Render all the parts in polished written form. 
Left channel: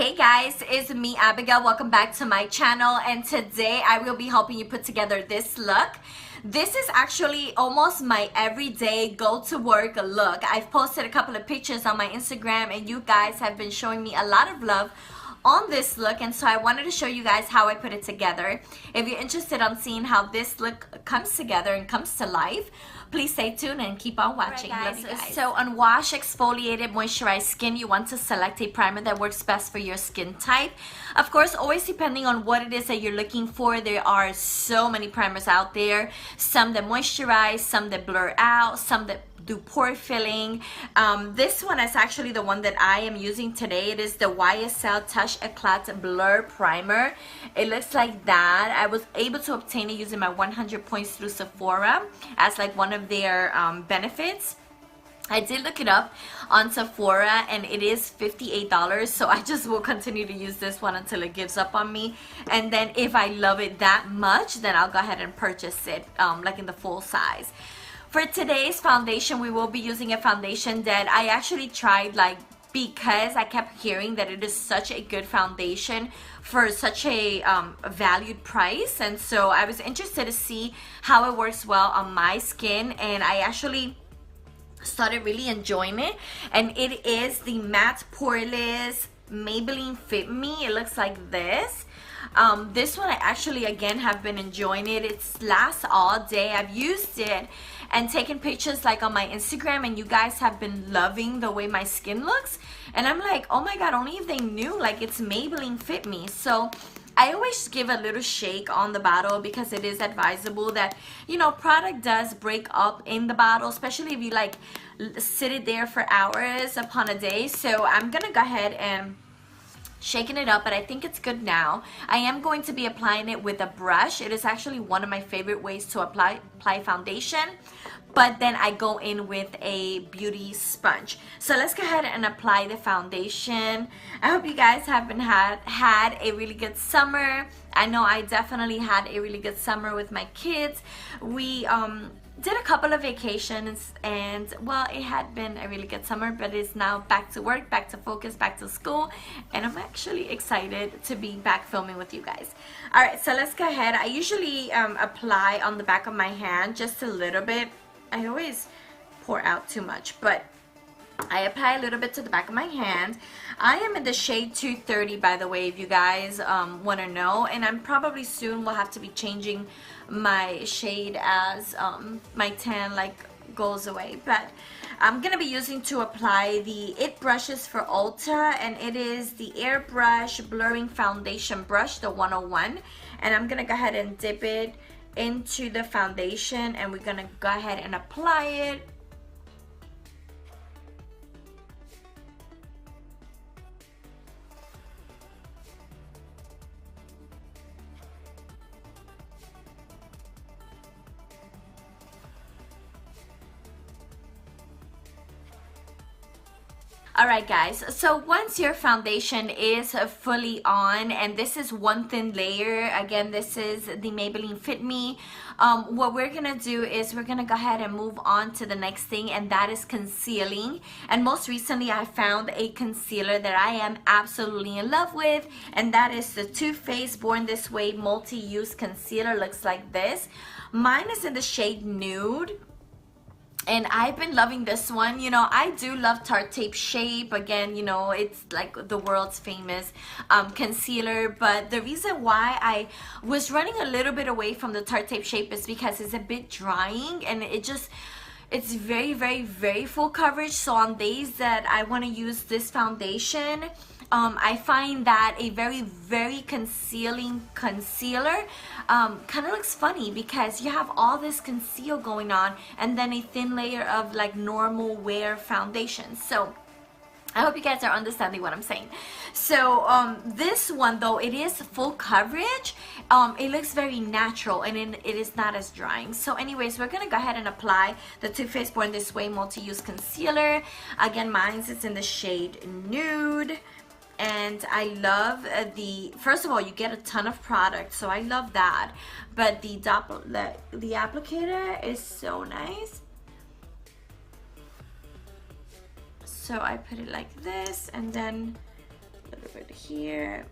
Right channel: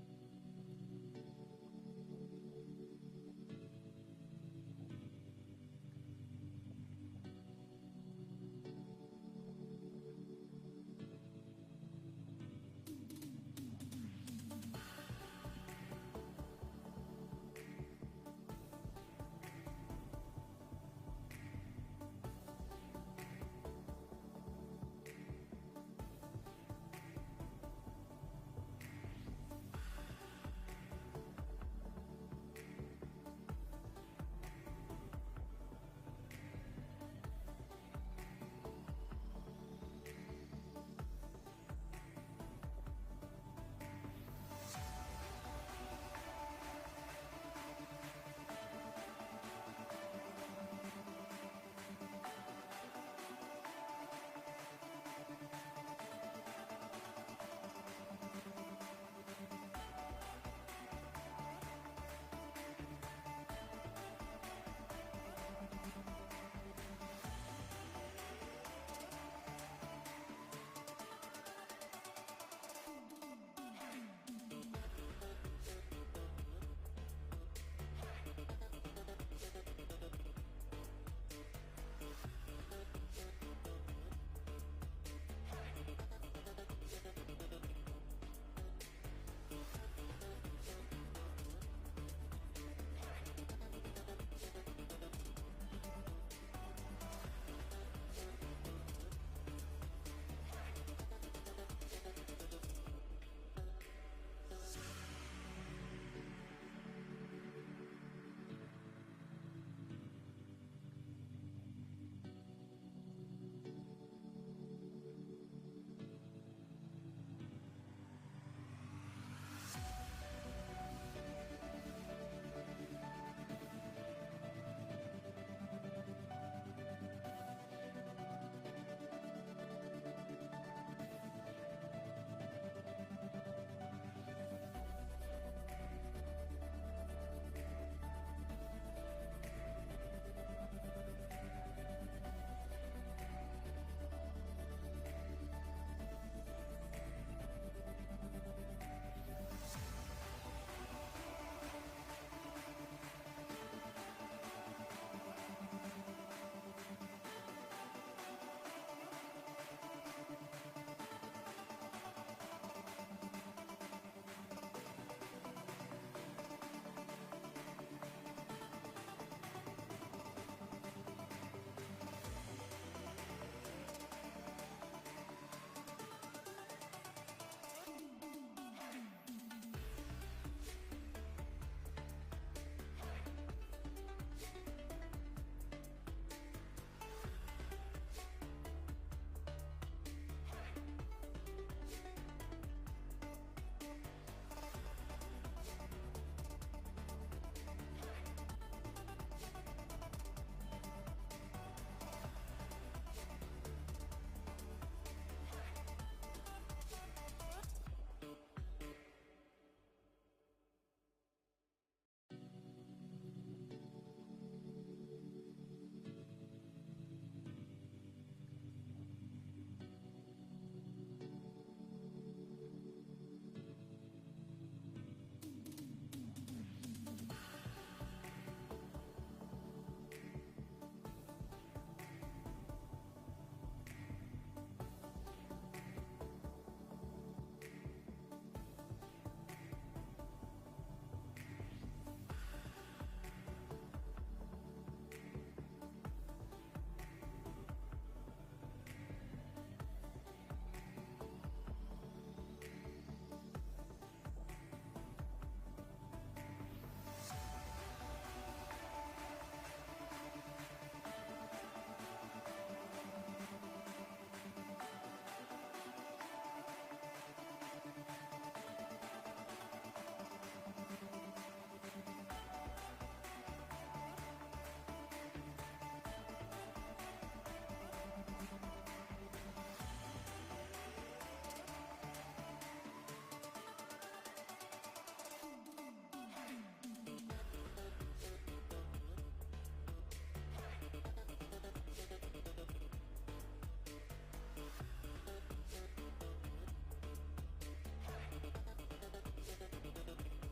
Hey guys, it's me Abigail. Welcome back to my channel, and today I will be helping you put together this look. This is actually almost my everyday go to work look. I've posted a couple of pictures on my Instagram and you guys have been showing me a lot of love on this look, and so I wanted to show you guys how I put it together. If you're interested on seeing how this look comes together and comes to life, please stay tuned and keep on watching. Right, Love you guys. So on wash, exfoliated, moisturized skin, you want to select a primer that works best for your skin type. Of course, always depending on what it is that you're looking for. There are so many primers out there. Some that moisturize, some that blur out, some that do pore filling. This one is actually the one that I am using today. It is the YSL Touch Eclat Blur Primer. It looks like that. I was able to obtain it using my 100 points through Sephora as like one of their benefits. I did look it up on Sephora and it is $58, so I just will continue to use this one until it gives up on me. And then if I love it that much, then I'll go ahead and purchase it like in the full size. For today's foundation, we will be using a foundation that I actually tried because I kept hearing that it is such a good foundation for such a valued price, and so I was interested to see how it works well on my skin, and I actually started really enjoying it. And it is the Matte Poreless Maybelline Fit Me. It looks like this. This one I actually again have been enjoying it. It lasts all day. I've used it and taken pictures like on my Instagram, and you guys have been loving the way my skin looks, and I'm like, oh my god, only if they knew like it's Maybelline Fit Me. So I always give a little shake on the bottle because it is advisable that, you know, product does break up in the bottle, especially if you like sit it there for hours upon a day. So I'm gonna go ahead and shaking it up, but I think it's good now. I am going to be applying it with a brush. It is actually one of my favorite ways to apply foundation, but then I go in with a beauty sponge. So let's go ahead and apply the foundation. I hope you guys have had a really good summer. I know I definitely had a really good summer with my kids. We did a couple of vacations, and well, it had been a really good summer, but it's now back to work, back to focus, back to school, and I'm actually excited to be back filming with you guys. All right, so let's go ahead. I usually apply on the back of my hand just a little bit. I always pour out too much, but I apply a little bit to the back of my hand. I am in the shade 230, by the way, if you guys want to know, and I'm probably soon will have to be changing my shade as my tan like goes away. But I'm gonna be using to apply the IT brushes for Ulta, and it is the Airbrush Blurring Foundation Brush, the 101, and I'm gonna go ahead and dip it into the foundation, and we're gonna go ahead and apply it. Alright guys, so once your foundation is fully on, and this is one thin layer, again this is the Maybelline Fit Me, what we're gonna do is we're gonna go ahead and move on to the next thing, and that is concealing. And most recently I found a concealer that I am absolutely in love with, and that is the Too Faced Born This Way Multi-Use Concealer. Looks like this. Mine is in the shade Nude, and I've been loving this one. You know, I do love Tarte Tape Shape. Again, you know, it's like the world's famous concealer, but the reason why I was running a little bit away from the Tarte Tape Shape is because it's a bit drying, and it's very, very, very full coverage. So on days that I want to use this foundation, I find that a very, very concealing concealer kind of looks funny because you have all this conceal going on and then a thin layer of like normal wear foundation. So I hope you guys are understanding what I'm saying. So this one though, it is full coverage. It looks very natural, and it is not as drying. So anyways, we're gonna go ahead and apply the Too Faced Born This Way Multi-Use Concealer. Again, mine is in the shade Nude. And I love first of all, you get a ton of product, so I love that. But the applicator is so nice. So I put it like this, and then a little bit here,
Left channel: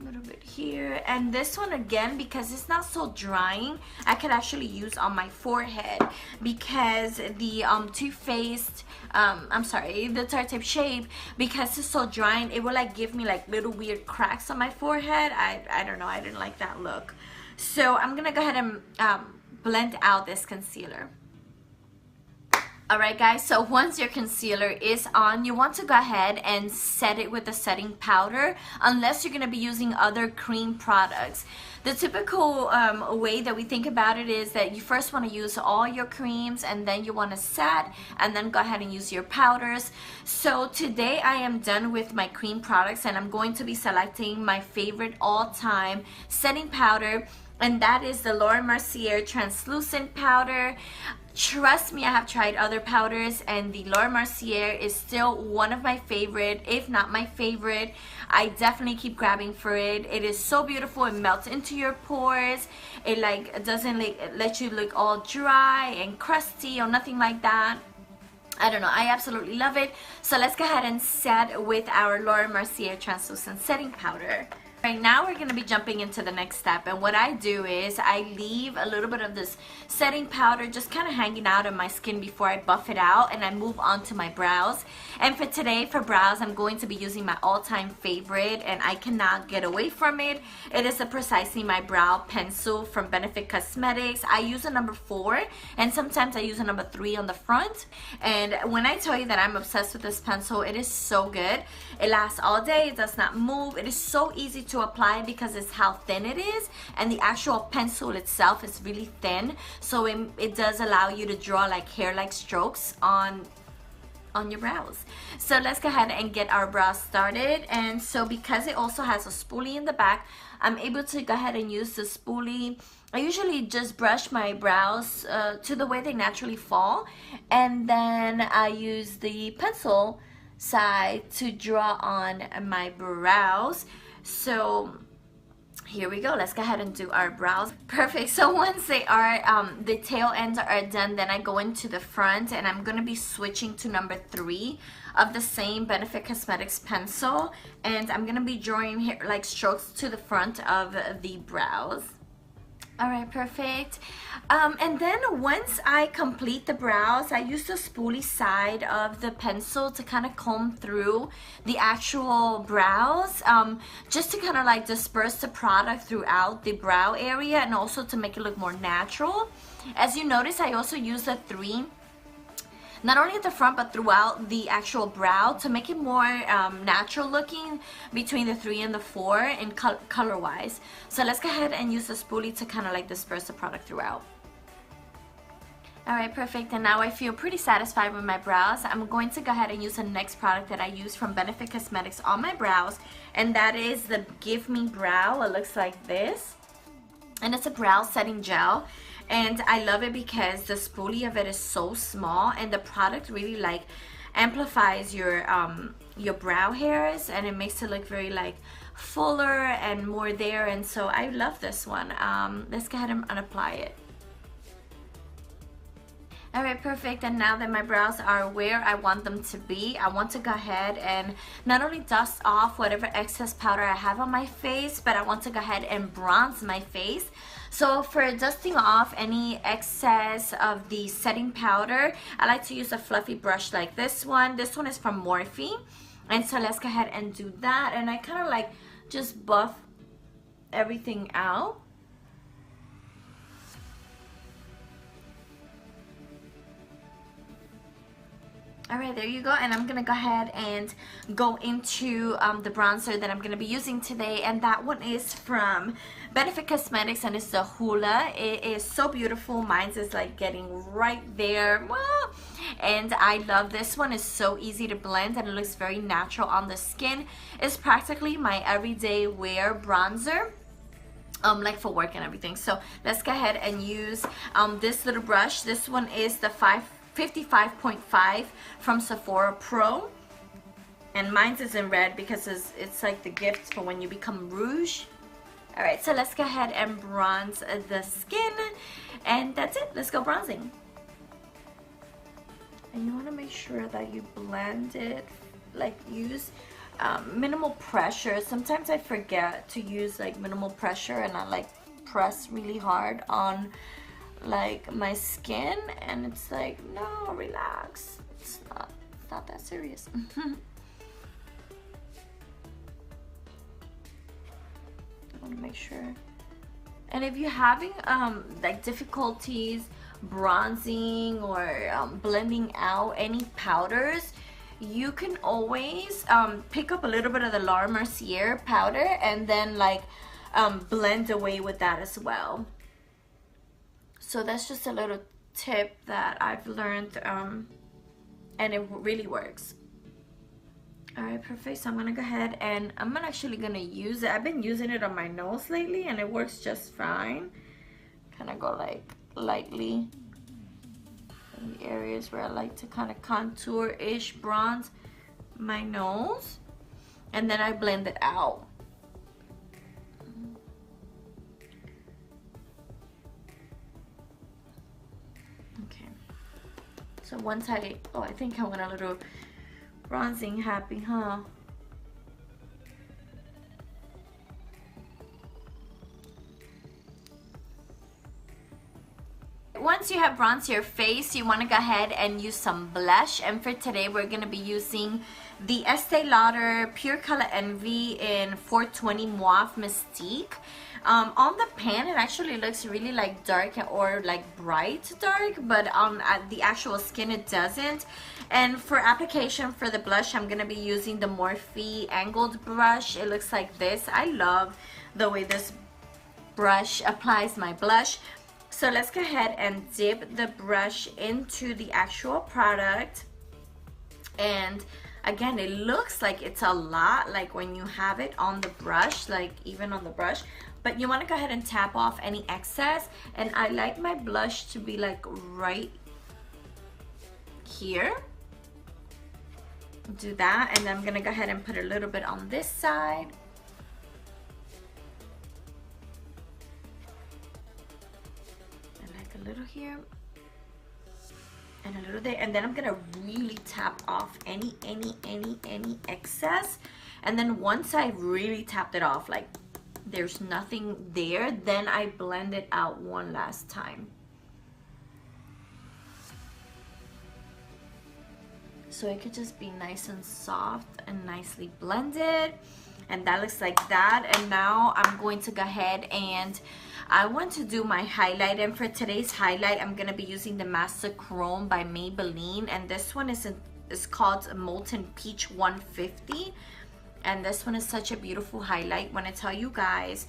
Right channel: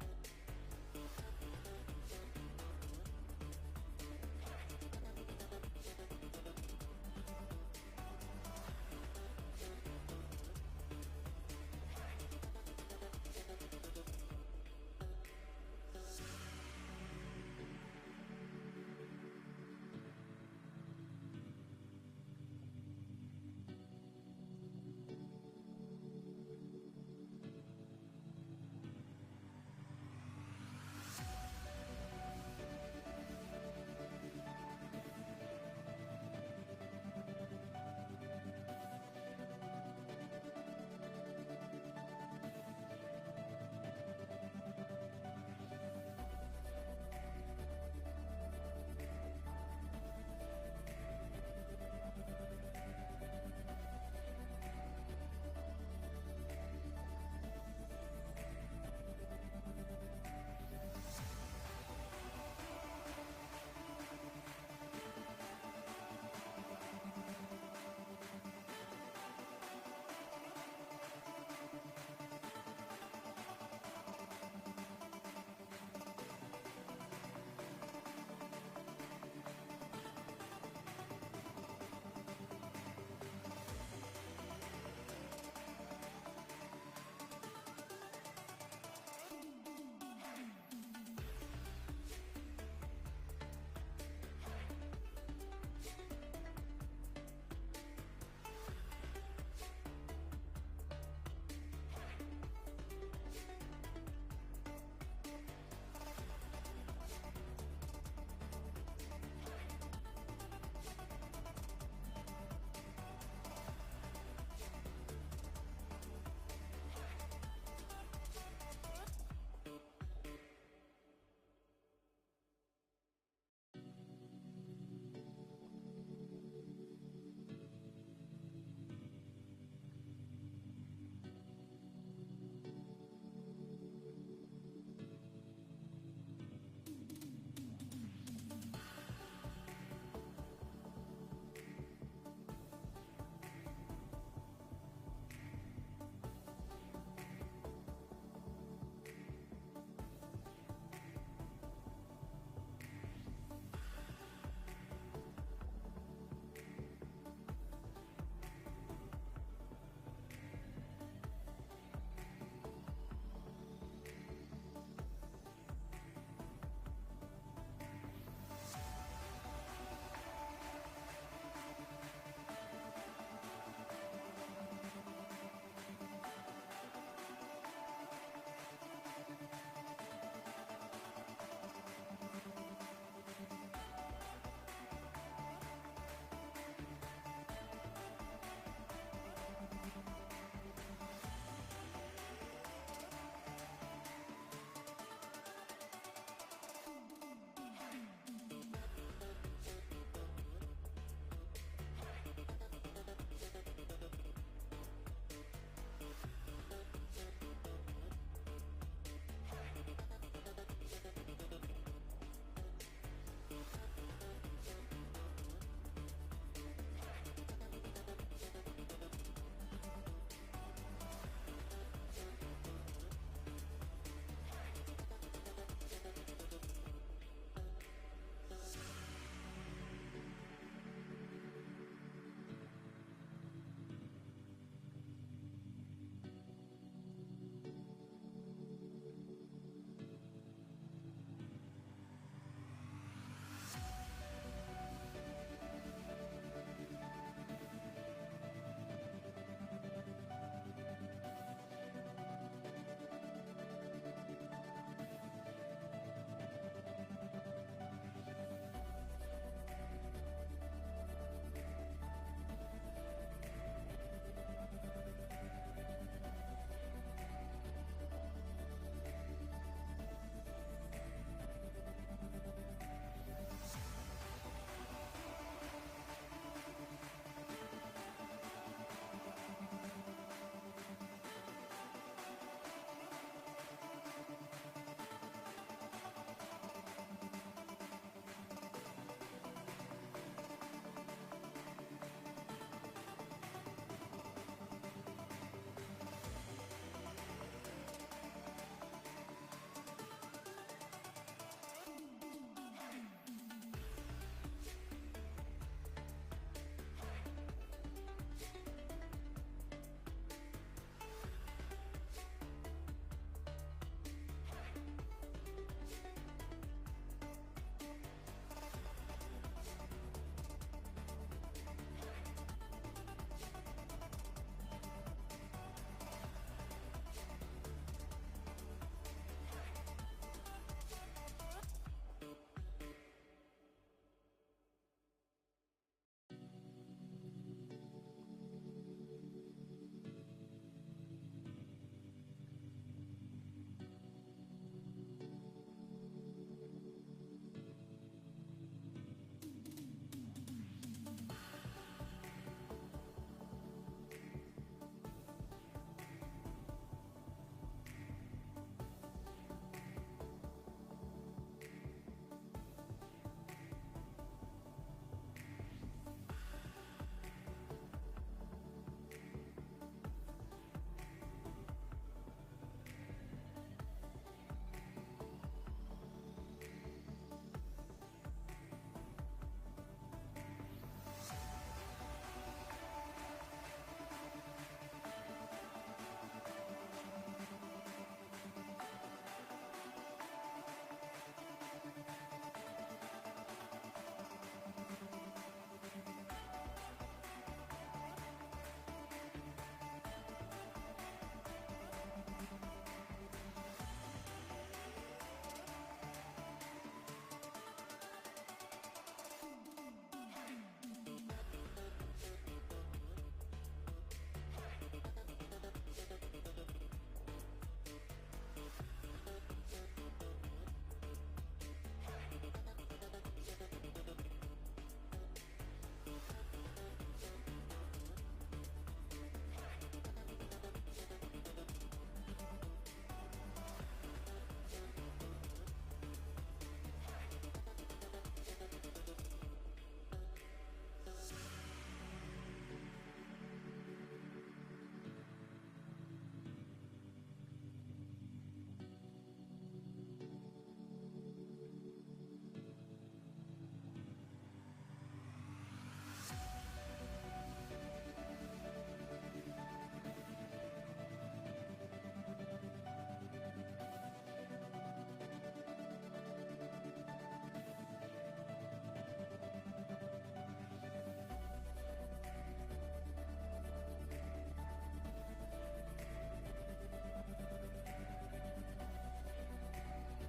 a little bit here, and this one again, because it's not so drying, I could actually use on my forehead, because the Too Faced the Tarte Shape, because it's so drying, it will like give me like little weird cracks on my forehead. I don't know, I didn't like that look. So I'm gonna go ahead and blend out this concealer. Alright guys, so once your concealer is on, you want to go ahead and set it with a setting powder, unless you're going to be using other cream products. The typical way that we think about it is that you first want to use all your creams, and then you want to set, and then go ahead and use your powders. So today I am done with my cream products, and I'm going to be selecting my favorite all-time setting powder, and that is the Laura Mercier Translucent Powder. Trust me, I have tried other powders, and the Laura Mercier is still one of my favorite, if not my favorite. I definitely keep grabbing for it. It is so beautiful. It melts into your pores. It like doesn't like let you look all dry and crusty or nothing like that. I don't know, I absolutely love it. So let's go ahead and set with our Laura Mercier Translucent Setting Powder. Right now we're going to be jumping into the next step, and what I do is I leave a little bit of this setting powder just kind of hanging out on my skin before I buff it out, and I move on to my brows. And for today, for brows, I'm going to be using my all-time favorite, and I cannot get away from it. It is the Precisely My Brow Pencil from Benefit Cosmetics. I use a number 4, and sometimes I use a number 3 on the front. And when I tell you that I'm obsessed with this pencil, it is so good. It lasts all day, it does not move, it is so easy to apply because it's how thin it is, and the actual pencil itself is really thin, so it does allow you to draw like hair-like strokes on your brows. So let's go ahead and get our brows started. And so because it also has a spoolie in the back, I'm able to go ahead and use the spoolie. I usually just brush my brows to the way they naturally fall, and then I use the pencil side to draw on my brows. So here we go, let's go ahead and do our brows. Perfect. So once they are the tail ends are done, then I go into the front, and I'm gonna be switching to number 3 of the same Benefit Cosmetics pencil, and I'm gonna be drawing here like strokes to the front of the brows. Alright, perfect. And then once I complete the brows, I use the spoolie side of the pencil to kind of comb through the actual brows, just to kind of like disperse the product throughout the brow area, and also to make it look more natural. As you notice, I also use the 3, not only at the front but throughout the actual brow, to make it more natural looking between the 3 and the 4 in color wise. So let's go ahead and use the spoolie to kind of like disperse the product throughout. Alright, perfect, and now I feel pretty satisfied with my brows. I'm going to go ahead and use the next product that I use from Benefit Cosmetics on my brows, and that is the Give Me Brow. It looks like this, and it's a brow setting gel, and I love it because the spoolie of it is so small, and the product really like amplifies your brow hairs, and it makes it look very like fuller and more there, and so I love this one. Let's go ahead and apply it. Alright, perfect, and now that my brows are where I want them to be, I want to go ahead and not only dust off whatever excess powder I have on my face, but I want to go ahead and bronze my face. So for dusting off any excess of the setting powder, I like to use a fluffy brush like this one. This one is from Morphe, and so let's go ahead and do that, and I kind of like just buff everything out. Alright, there you go, and I'm gonna go ahead and go into the bronzer that I'm gonna be using today, and that one is from Benefit Cosmetics, and it's the Hoola. It is so beautiful. Mine is like getting right there, and I love this one. It's so easy to blend, and it looks very natural on the skin. It's practically my everyday wear bronzer, like for work and everything. So let's go ahead and use this little brush. This one is the 55.5 from Sephora Pro, and mine is in red because it's like the gift for when you become rouge. Alright, so let's go ahead and bronze the skin, and that's it. Let's go bronzing. And you want to make sure that you blend it, like use minimal pressure. Sometimes I forget to use like minimal pressure, and I like press really hard on like my skin, and it's like, no, relax, it's not that serious. I want to make sure. And if you're having like difficulties bronzing or blending out any powders, you can always pick up a little bit of the Mercier powder and then like blend away with that as well. So that's just a little tip that I've learned, and it really works. All right, perfect. So I'm gonna go ahead and I'm actually gonna use it. I've been using it on my nose lately and it works just fine. Kind of go like lightly in the areas where I like to kind of contour-ish bronze my nose, and then I blend it out. So once I think I went a little bronzing happy, huh? Once you have bronzed your face, you want to go ahead and use some blush. And for today, we're going to be using the Estee Lauder Pure Color Envy in 420 Muave Mistique. On the pan, it actually looks really like dark or like bright dark, but on the actual skin, it doesn't. And for application for the blush, I'm going to be using the Morphe angled brush. It looks like this. I love the way this brush applies my blush. So let's go ahead and dip the brush into the actual product. And again, it looks like it's a lot, like when you have it on the brush, like even on the brush. But you want to go ahead and tap off any excess. And I like my blush to be like right here. Do that, and then I'm gonna go ahead and put a little bit on this side. And like a little here. And a little there. And then I'm gonna really tap off any excess. And then once I really tapped it off, like there's nothing there, then I blend it out one last time. So it could just be nice and soft and nicely blended. And that looks like that. And now I'm going to go ahead and I want to do my highlight. And for today's highlight, I'm going to be using the Master Chrome by Maybelline. And this one is called Molten Peach 150. And this one is such a beautiful highlight. When I tell you guys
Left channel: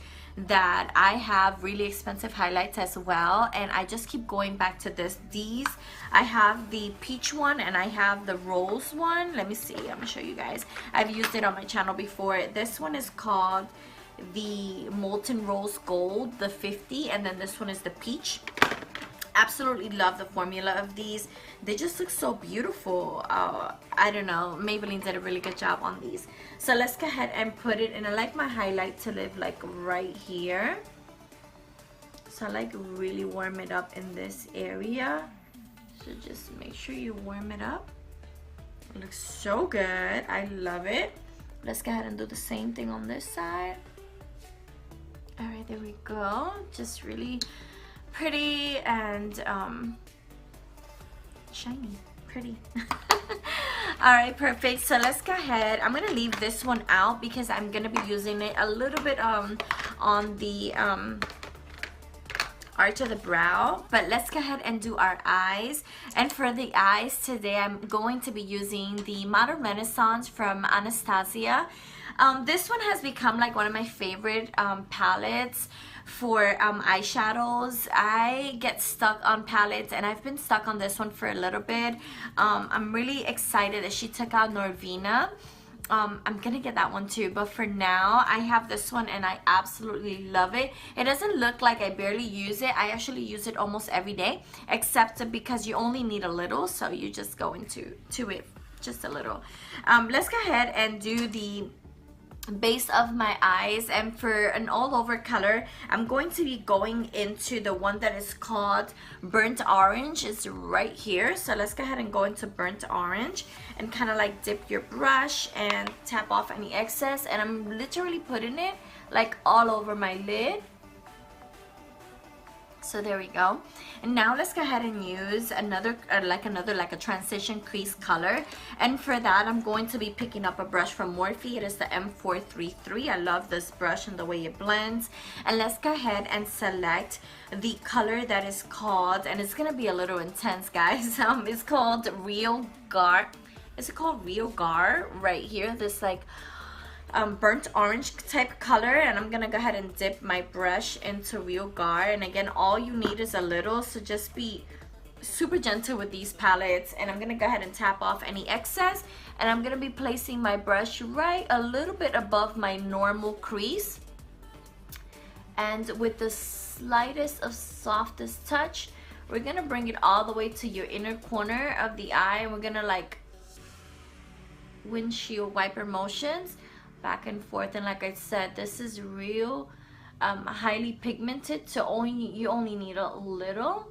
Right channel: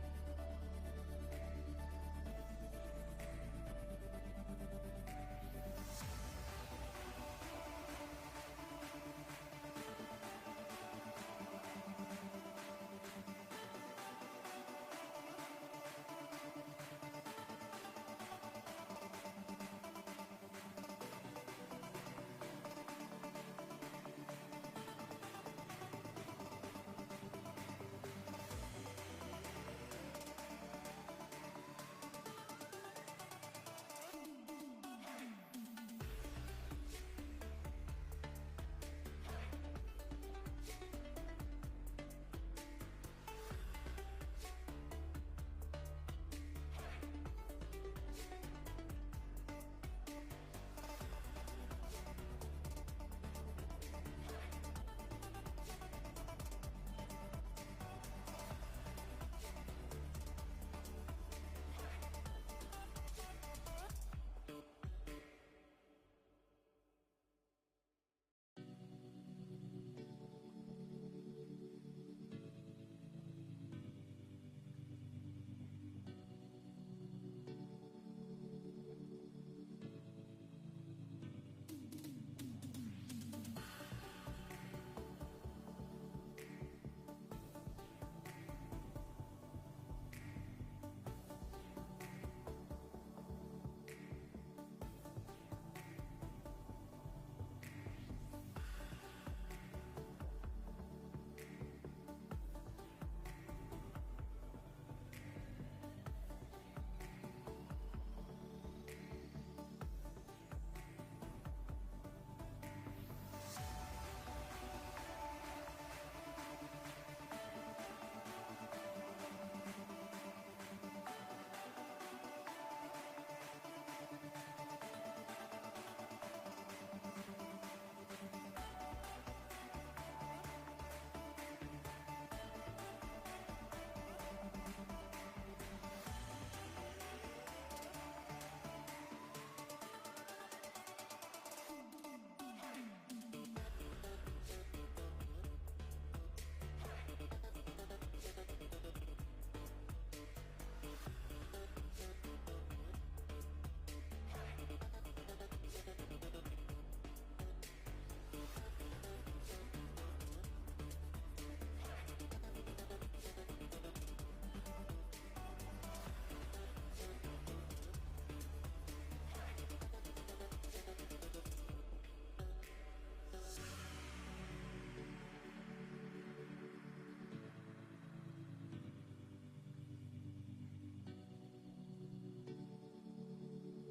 that I have really expensive highlights as well, and I just keep going back to these. I have the peach one and I have the rose one. Let me see, I'm gonna show you guys. I've used it on my channel before. This one is called the Molten Rose Gold, the 50, and then this one is the peach. Absolutely love the formula of these. They just look so beautiful. I don't know, Maybelline did a really good job on these. So let's go ahead and put it, and I like my highlight to live like right here. So I like really warm it up in this area. So just make sure you warm it up. It looks so good. I love it. Let's go ahead and do the same thing on this side. All right, there we go. Just really pretty and shiny, pretty. All right, perfect. So let's go ahead. I'm gonna leave this one out because I'm gonna be using it a little bit on the arch of the brow. But let's go ahead and do our eyes. And for the eyes today, I'm going to be using the Modern Renaissance from Anastasia. This one has become like one of my favorite palettes for eyeshadows. I get stuck on palettes, and I've been stuck on this one for a little bit. I'm really excited that she took out Norvina. I'm gonna get that one too, but for now I have this one and I absolutely love it. It doesn't look like I barely use it. I actually use it almost every day, except because you only need a little, so you just go into it just a little. Let's go ahead and do the base of my eyes. And for an all over color, I'm going to be going into the one that is called burnt orange. It's right here, so let's go ahead and go into burnt orange and kind of like dip your brush and tap off any excess. And I'm literally putting it like all over my lid. So there we go. And now let's go ahead and use another like a transition crease color. And for that, I'm going to be picking up a brush from Morphe. It is the M433. I love this brush and the way it blends. And let's go ahead and select the color that is called, and it's gonna be a little intense, guys. It's called Real Gar. Is it called Real Gar? Right here, this like burnt orange type color. And I'm gonna go ahead and dip my brush into Real Gar. And again, all you need is a little, so just be super gentle with these palettes. And I'm gonna go ahead and tap off any excess, and I'm gonna be placing my brush right a little bit above my normal crease, and with the slightest of softest touch, we're gonna bring it all the way to your inner corner of the eye, and we're gonna like windshield wiper motions back and forth. And like I said, this is real highly pigmented, so you only need a little.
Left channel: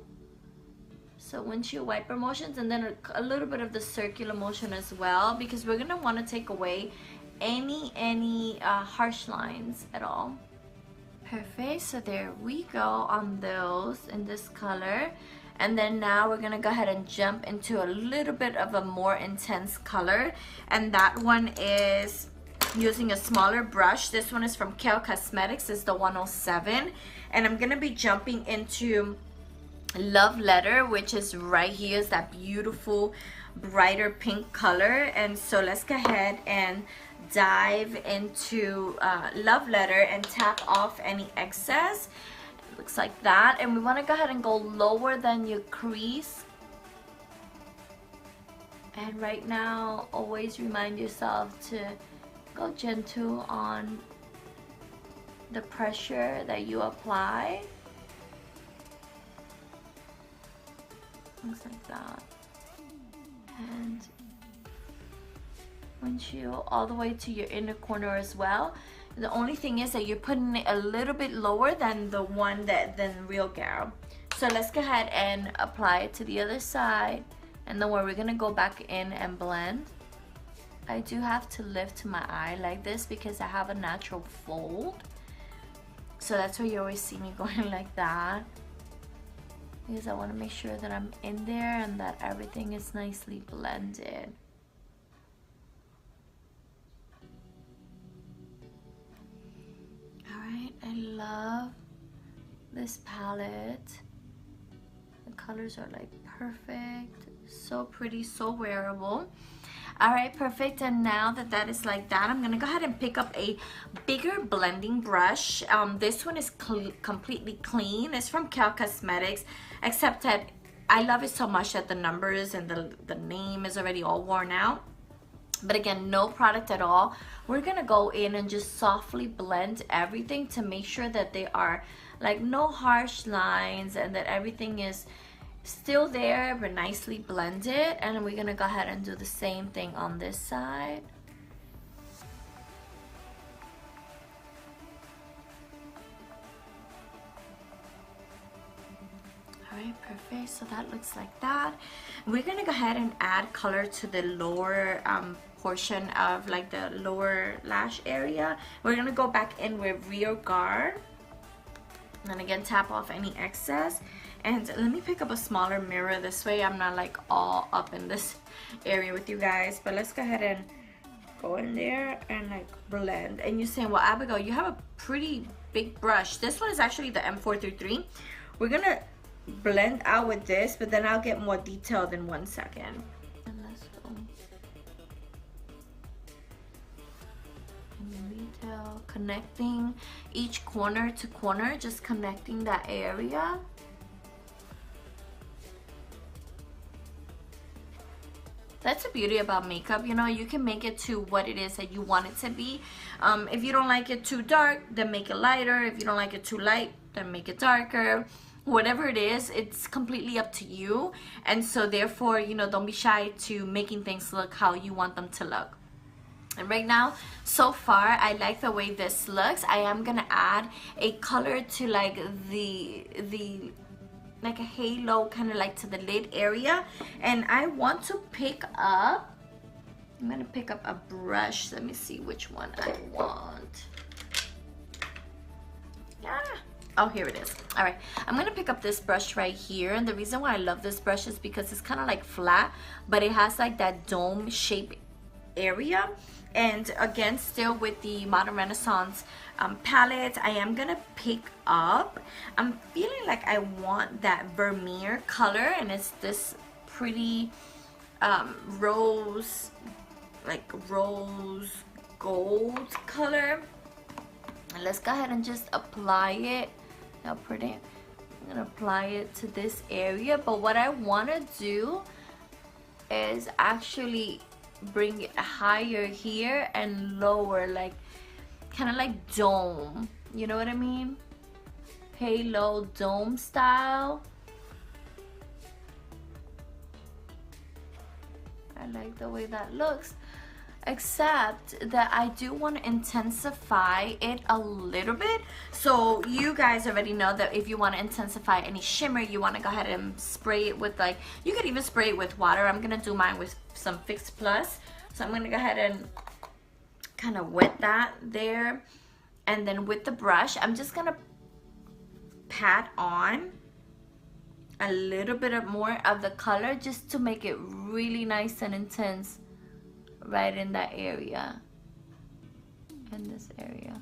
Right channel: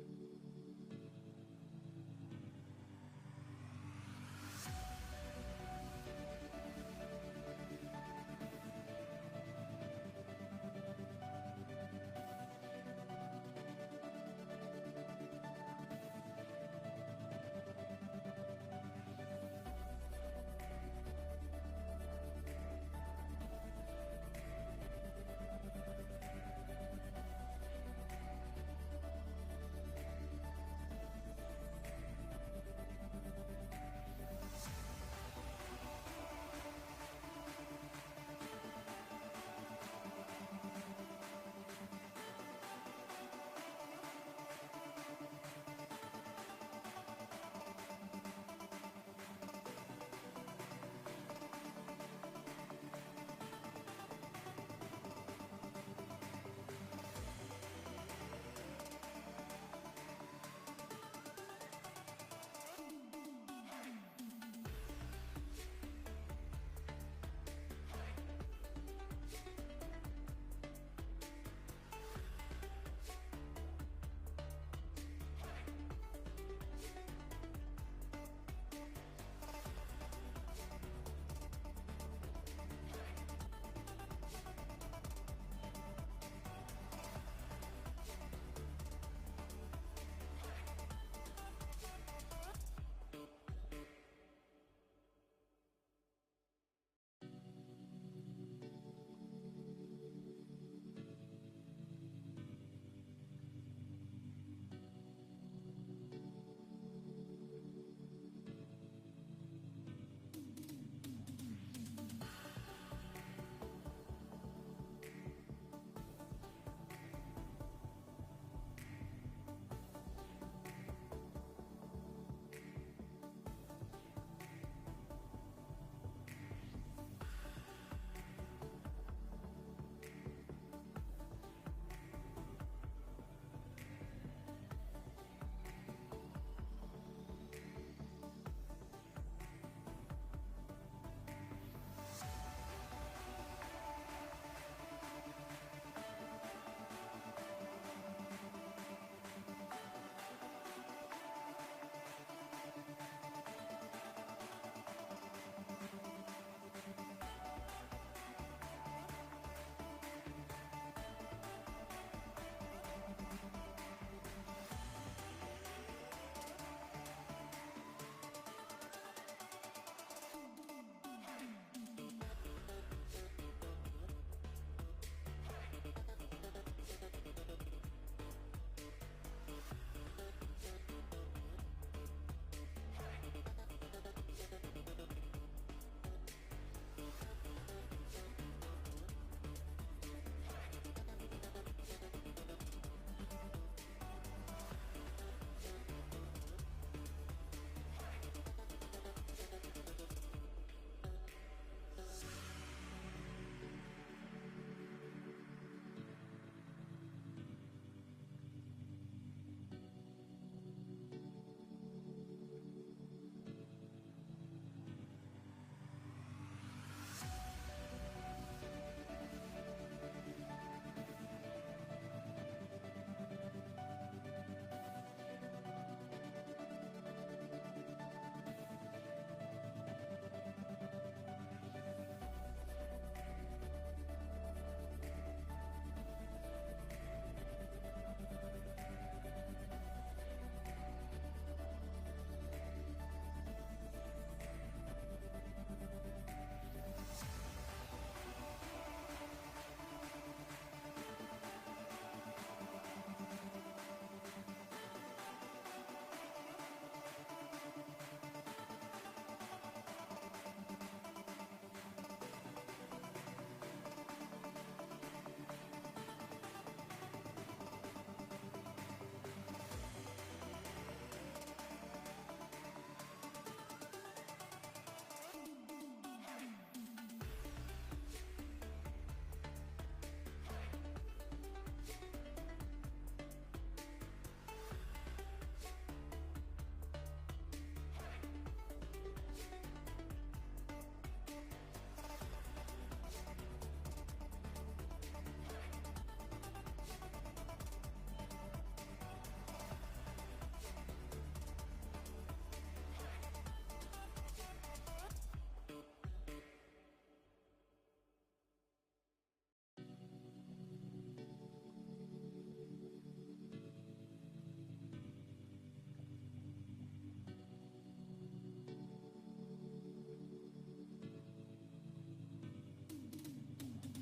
So windshield wiper motions, and then a little bit of the circular motion as well, because we're gonna want to take away any harsh lines at all. Perfect. So there we go on those in this color. And then now we're gonna go ahead and jump into a little bit of a more intense color, and that one is using a smaller brush. This one is from Kale Cosmetics. It's the 107, and I'm gonna be jumping into Love Letter, which is right here. Is that beautiful brighter pink color. And so let's go ahead and dive into Love Letter and tap off any excess. Looks like that. And we want to go ahead and go lower than your crease. And right now, always remind yourself to go gentle on the pressure that you apply. Things like that. And windshield all the way to your inner corner as well. The only thing is that you're putting it a little bit lower than the one than Real Girl. So let's go ahead and apply it to the other side. And then we're gonna go back in and blend. I do have to lift my eye like this because I have a natural fold. So that's why you always see me going like that, because I want to make sure that I'm in there and that everything is nicely blended. Alright, I love this palette. The colors are like perfect, so pretty, so wearable. Alright, perfect. And now that that is like that, I'm gonna go ahead and pick up a bigger blending brush. This one is completely clean. It's from Kale Cosmetics, except that I love it so much that the numbers and the name is already all worn out. But again, no product at all. We're gonna go in and just softly blend everything to make sure that they are like no harsh lines and that everything is still there but nicely blended. And we're gonna go ahead and do the same thing on this side. Alright, perfect. So that looks like that. We're gonna go ahead and add color to the lower portion of like the lower lash area. We're gonna go back in with Real Guard, and again tap off any excess. And let me pick up a smaller mirror, this way I'm not like all up in this area with you guys. But let's go ahead and go in there and like blend. And you're saying, well, Abigail, you have a pretty big brush. This one is actually the M433. We're gonna blend out with this, but then I'll get more detailed in 1 second. Detail, connecting each corner to corner, just connecting that area. That's the beauty about makeup, you know, you can make it to what it is that you want it to be. If you don't like it too dark, then make it lighter. If you don't like it too light, then make it darker. Whatever it is, it's completely up to you. And so therefore, you know, don't be shy to making things look how you want them to look. And right now, so far, I like the way this looks. I am gonna add a color to like the like a halo, kind of like to the lid area. And I want to pick up, I'm gonna pick up a brush. Let me see which one I want. Oh, here it is. All right, I'm gonna pick up this brush right here. And the reason why I love this brush is because it's kind of like flat, but it has like that dome shape area. And again, still with the Modern Renaissance palette, I am gonna pick up, I'm feeling like I want that Vermeer color, and it's this pretty rose, like rose gold color. And let's go ahead and just apply it. How pretty. I'm gonna apply it to this area, but what I want to do is actually bring it higher here and lower, like kind of like dome, you know what I mean? Halo dome style. I like the way that looks, except that I do want to intensify it a little bit. So you guys already know that if you want to intensify any shimmer, you want to go ahead and spray it with, like, you could even spray it with water. I'm gonna do mine with some Fix Plus, so I'm gonna go ahead and kind of wet that there, and then with the brush I'm just gonna pat on a little bit of more of the color just to make it really nice and intense right in that area, in this area.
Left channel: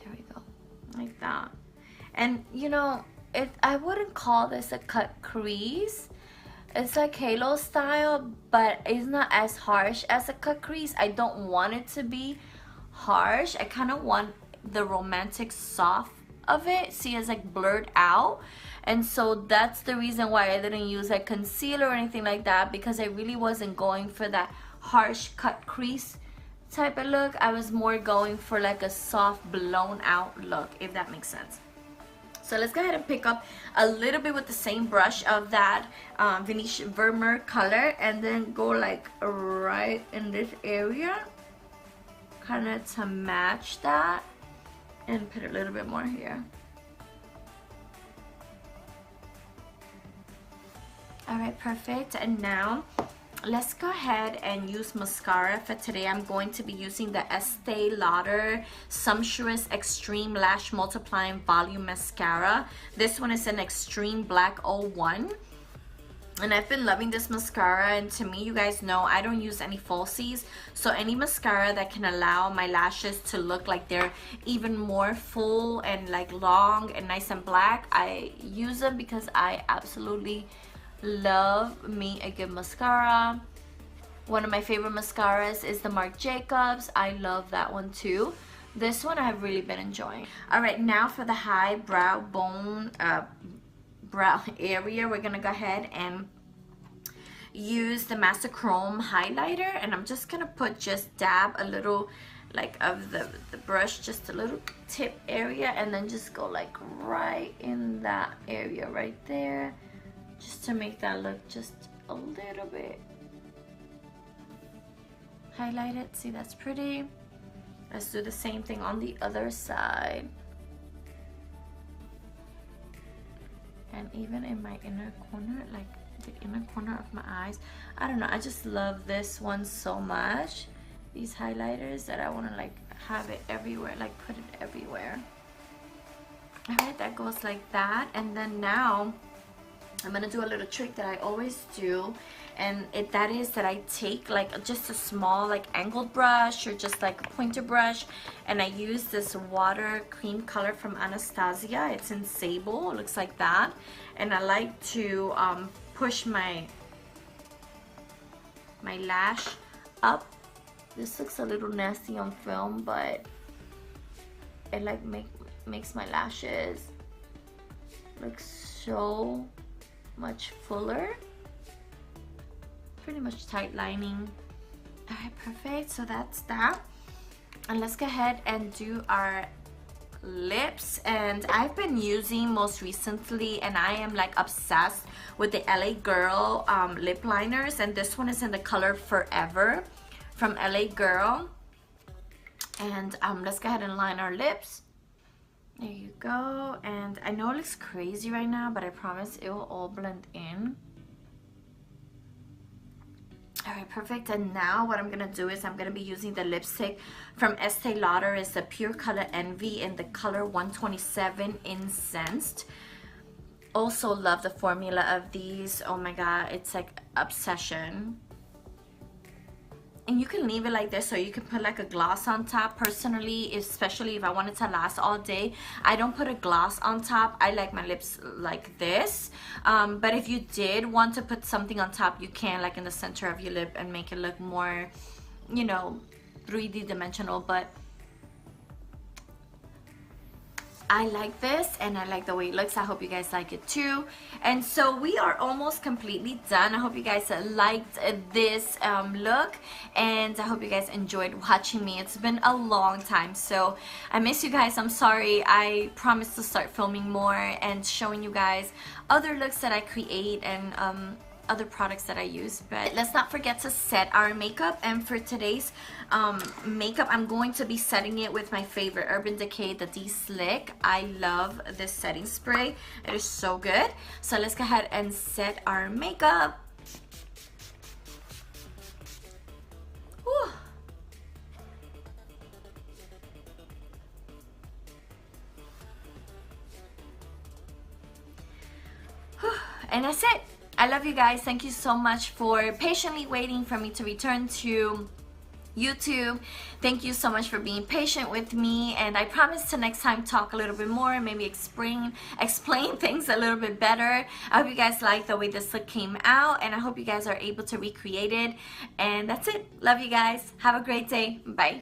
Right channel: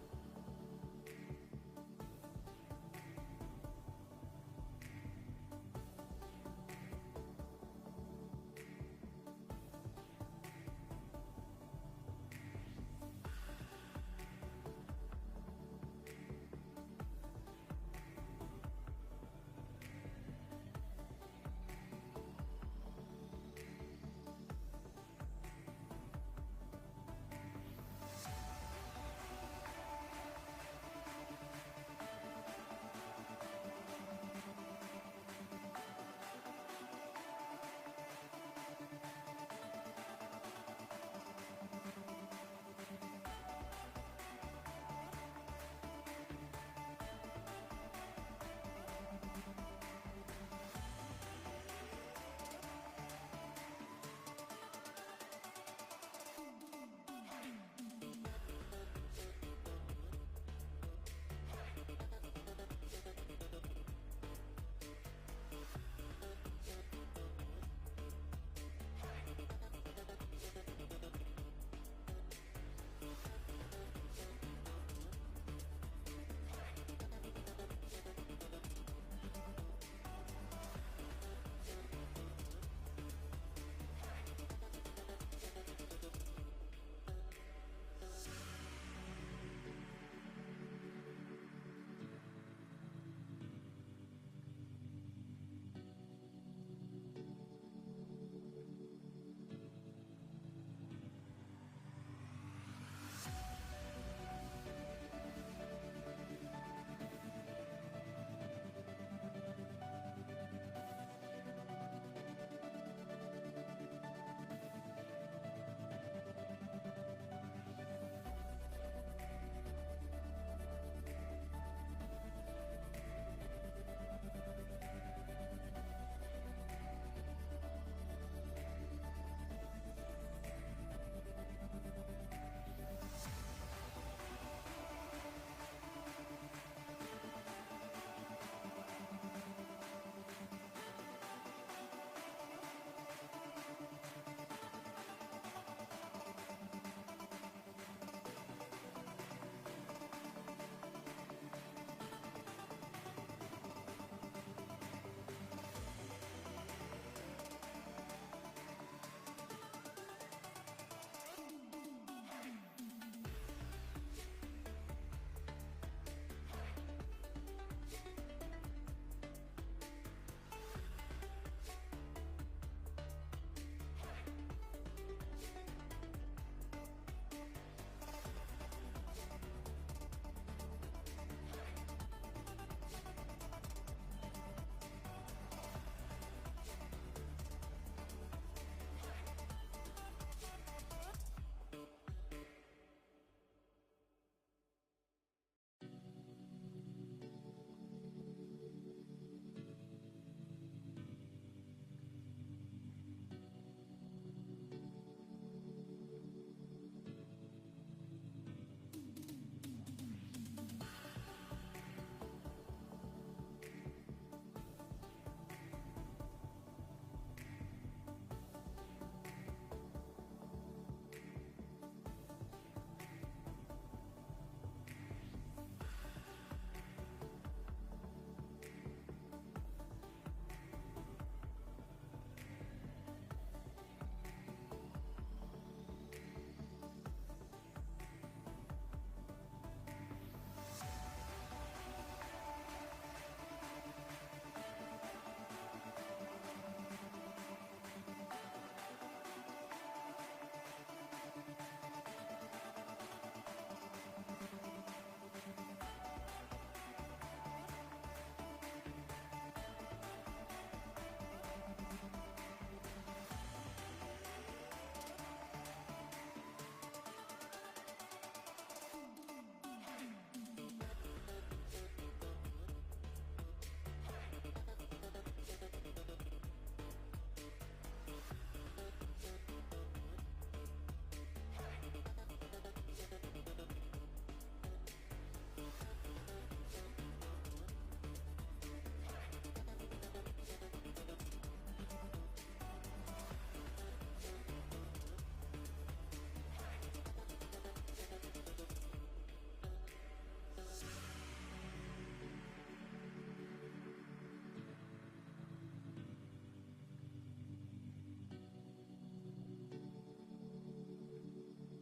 There we go, like that. And you know, I wouldn't call this a cut crease. It's like halo style, but it's not as harsh as a cut crease. I don't want it to be harsh. I kind of want the romantic soft of it. See, it's like blurred out. And so that's the reason why I didn't use like concealer or anything like that, because I really wasn't going for that harsh cut crease type of look. I was more going for like a soft blown out look, if that makes sense. So let's go ahead and pick up a little bit with the same brush of that Venetian Vermeer color, and then go like right in this area, kind of to match that, and put a little bit more here. All right, perfect. And now let's go ahead and use mascara for today. I'm going to be using the Estee Lauder Sumptuous Extreme Lash Multiplying Volume Mascara. This one is an Extreme Black 01. And I've been loving this mascara, and to me, you guys know I don't use any falsies. So any mascara that can allow my lashes to look like they're even more full and like long and nice and black, I use them because I absolutely love me a good mascara. One of my favorite mascaras is the Marc Jacobs. I love that one too. This one I've really been enjoying. All right, now for the high brow bone brow area, we're gonna go ahead and use the Master Chrome highlighter, and I'm just gonna put, just dab a little like of the brush, just a little tip area, and then just go like right in that area right there, just to make that look just a little bit highlighted. See, that's pretty. Let's do the same thing on the other side. And even in my inner corner, like the inner corner of my eyes, I don't know, I just love this one so much, these highlighters, that I want to like have it everywhere, like put it everywhere. All right, that goes like that. And then now I'm gonna do a little trick that I always do, and that is that I take like just a small like angled brush or just like a pointer brush, and I use this water cream color from Anastasia. It's in Sable, it looks like that, and I like to push my lash up. This looks a little nasty on film, but it like makes my lashes look so much fuller, pretty much tight lining. All right, perfect. So that's that. And let's go ahead and do our lips. And I've been using most recently, and I am like obsessed with the LA Girl lip liners, and this one is in the color Forever from LA Girl. And let's go ahead and line our lips. There you go. And I know it looks crazy right now, but I promise it will all blend in. Alright, perfect. And now what I'm gonna do is I'm gonna be using the lipstick from Estee Lauder. It's the Pure Color Envy in the color 127 Incensed. Also love the formula of these. Oh my god, it's like obsession. And you can leave it like this, or you can put like a gloss on top. Personally, especially if I want it to last all day, I don't put a gloss on top. I like my lips like this. But if you did want to put something on top, you can, like in the center of your lip, and make it look more, you know, 3D dimensional. But I like this, and I like the way it looks. I hope you guys like it too. And so we are almost completely done. I hope you guys liked this look, and I hope you guys enjoyed watching me. It's been a long time, so I miss you guys. I'm sorry. I promise to start filming more and showing you guys other looks that I create and other products that I use. But let's not forget to set our makeup. And for today's makeup, I'm going to be setting it with my favorite Urban Decay, the De-Slick. I love this setting spray. It is so good. So let's go ahead and set our makeup. Whew. And that's it. I love you guys. Thank you so much for patiently waiting for me to return to YouTube. Thank you so much for being patient with me, and I promise to next time talk a little bit more and maybe explain things a little bit better. I hope you guys like the way this look came out, and I hope you guys are able to recreate it. And that's it. Love you guys. Have a great day. Bye.